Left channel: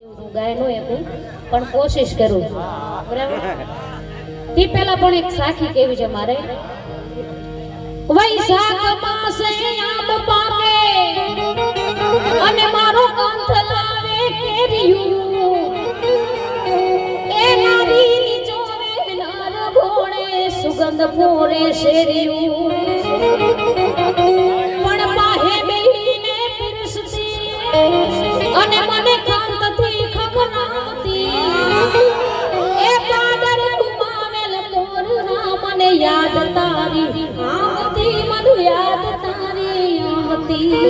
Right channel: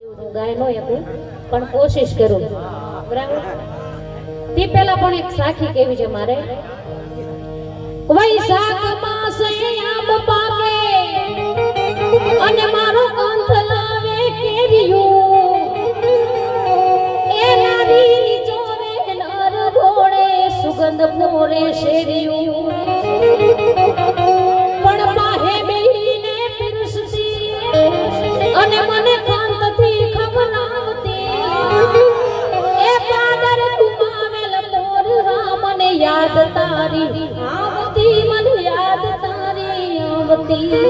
હું ગાય નો એકું પણ કોશિશ કરું બરાબર તી પહેલા પણ એક સાખી કેવી છે મારે વૈશાખ માસે આમ પાકે અને મારો કંથ લાવે કેરીયો એ નારી ચોરે નર ઘોડે સુગંધ ફોરે શેરીયું પણ પાહે બેહીને પીરસતી અને મને કાંતથી ખબર આવતી એ પાદર ઘુમાવેલ મોર રામને યાદ તારી આવતી મને યાદ તારી આવતી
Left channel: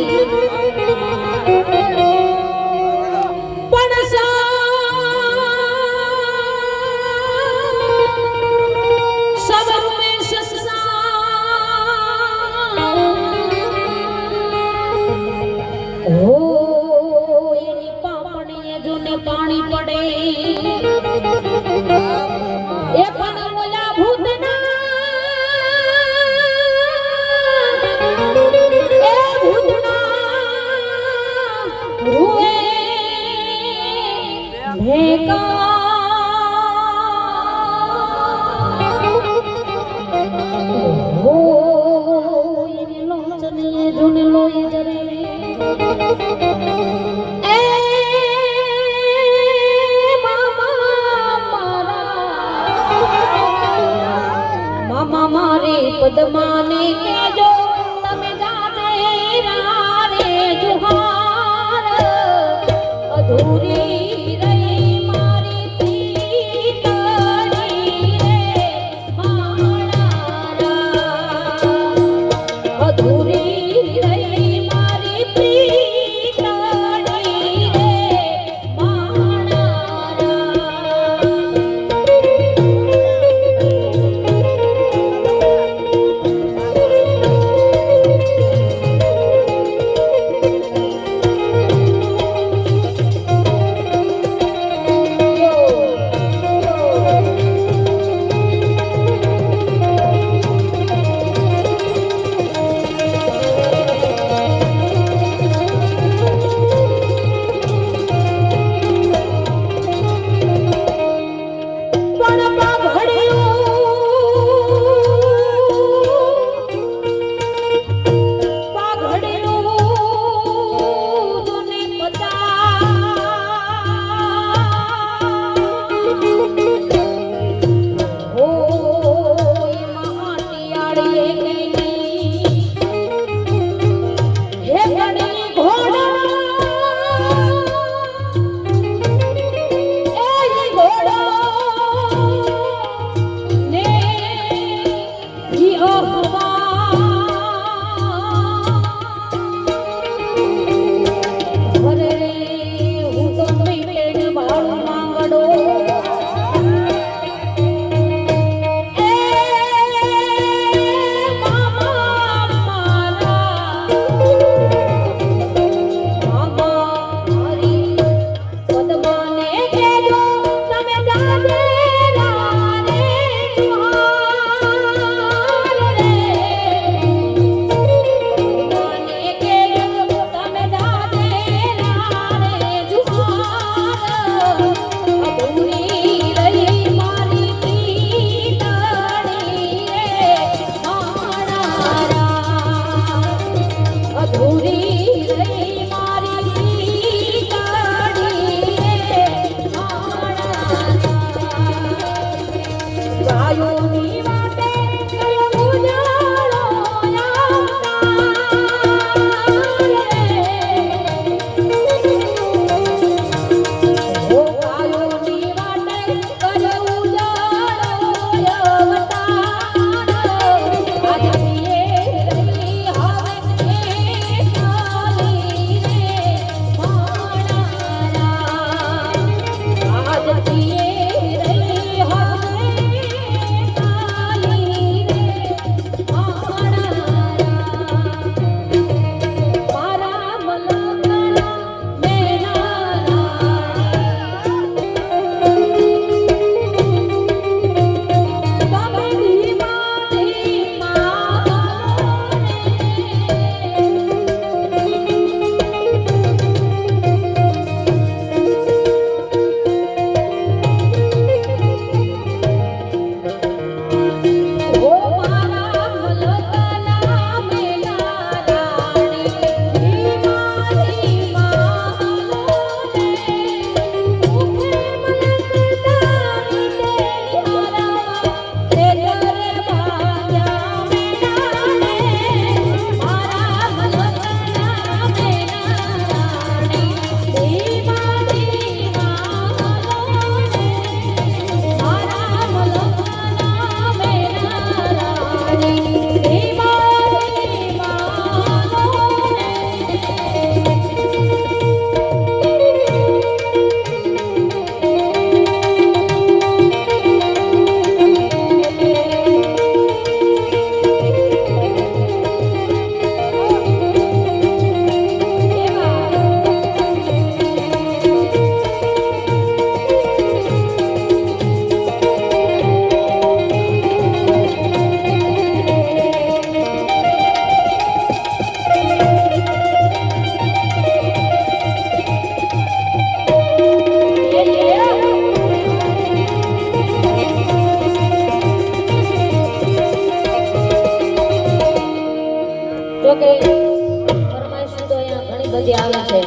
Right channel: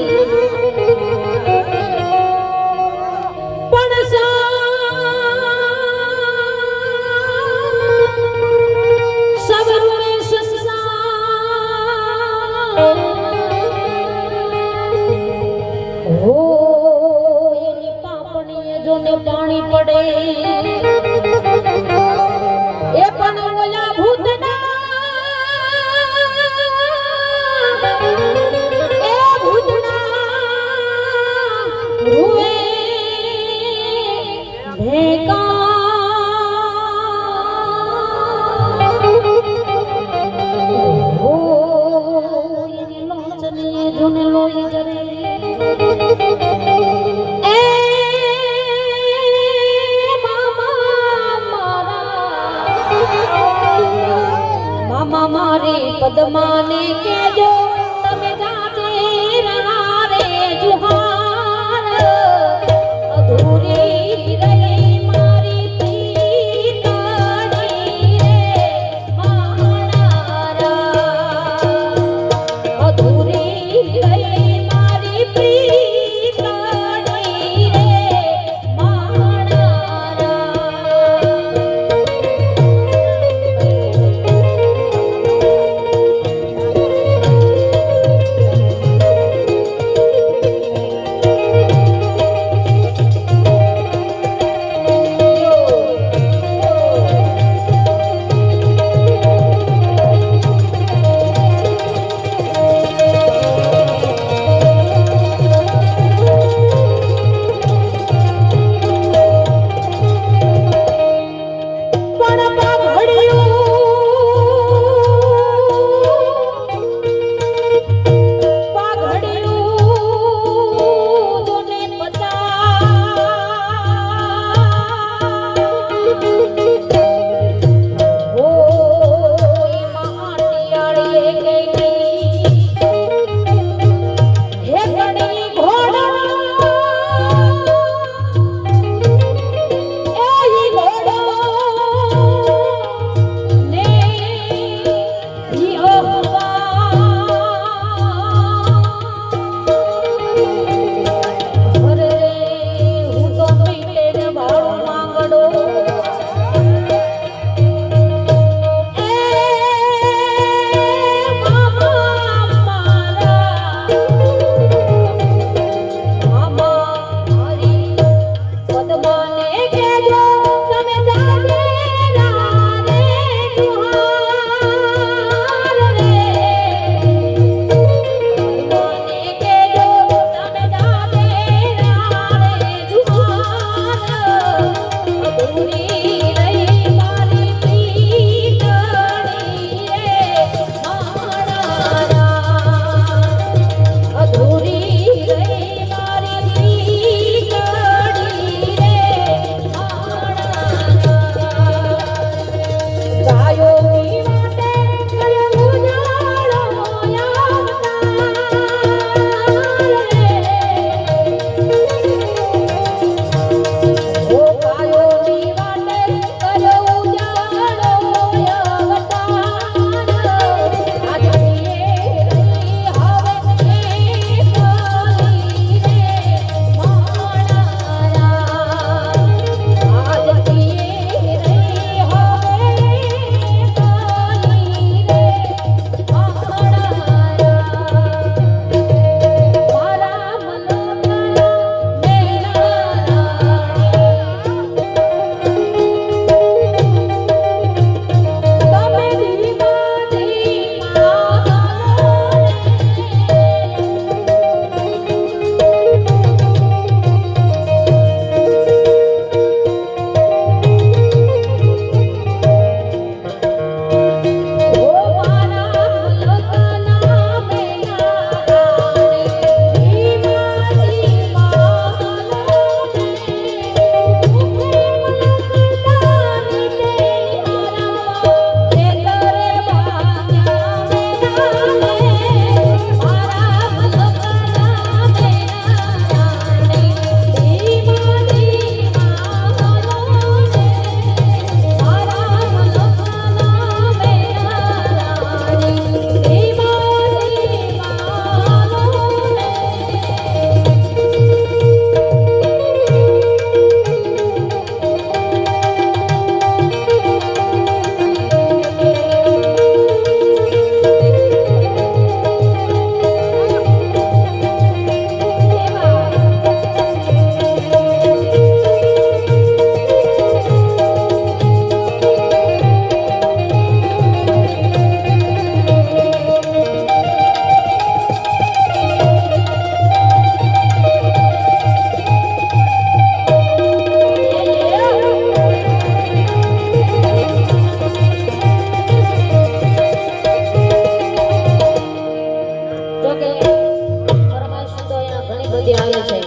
પણ સબરું મે સંસાર હો એની પાપણીએ જોને પાણી પડે એ પણ ઓલા ભૂતના એ ભૂતના રૂએ ભેગા હો એની લોચને જોને લોય જરે એ મામા મારે પદ્માને કહેજો તમે જાજે રે જુહાર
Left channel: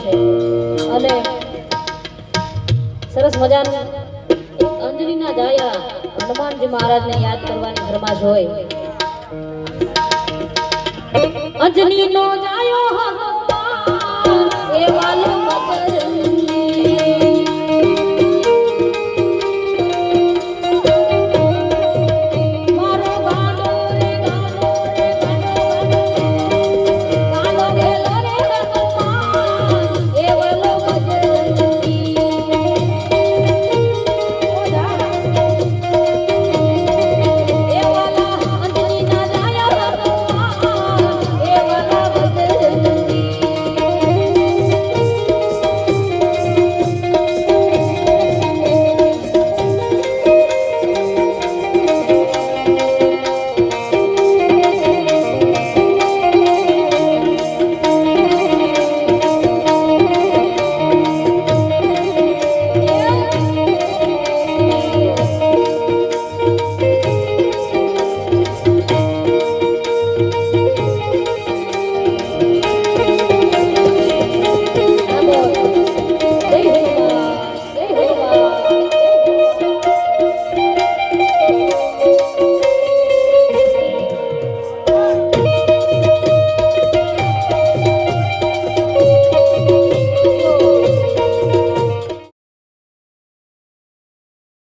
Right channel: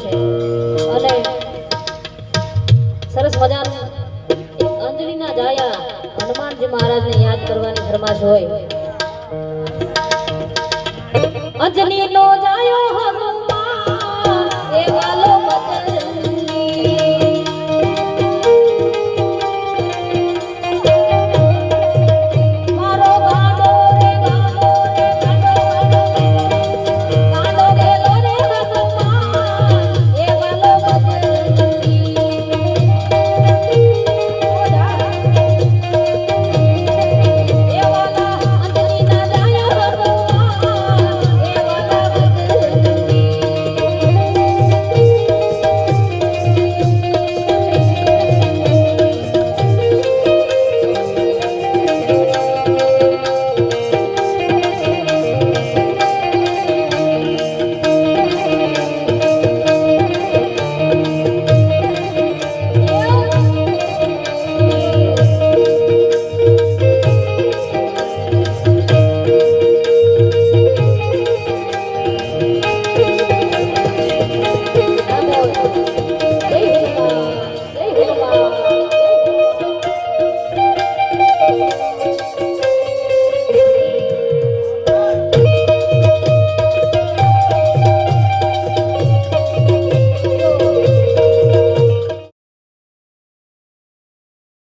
છે અને સરસ મજાનું એક અંજલિના જાયા હનુમાનજી મહારાજને યાદ કરવાની ફરમાશ હોય. અંજલિનો જાયો હગો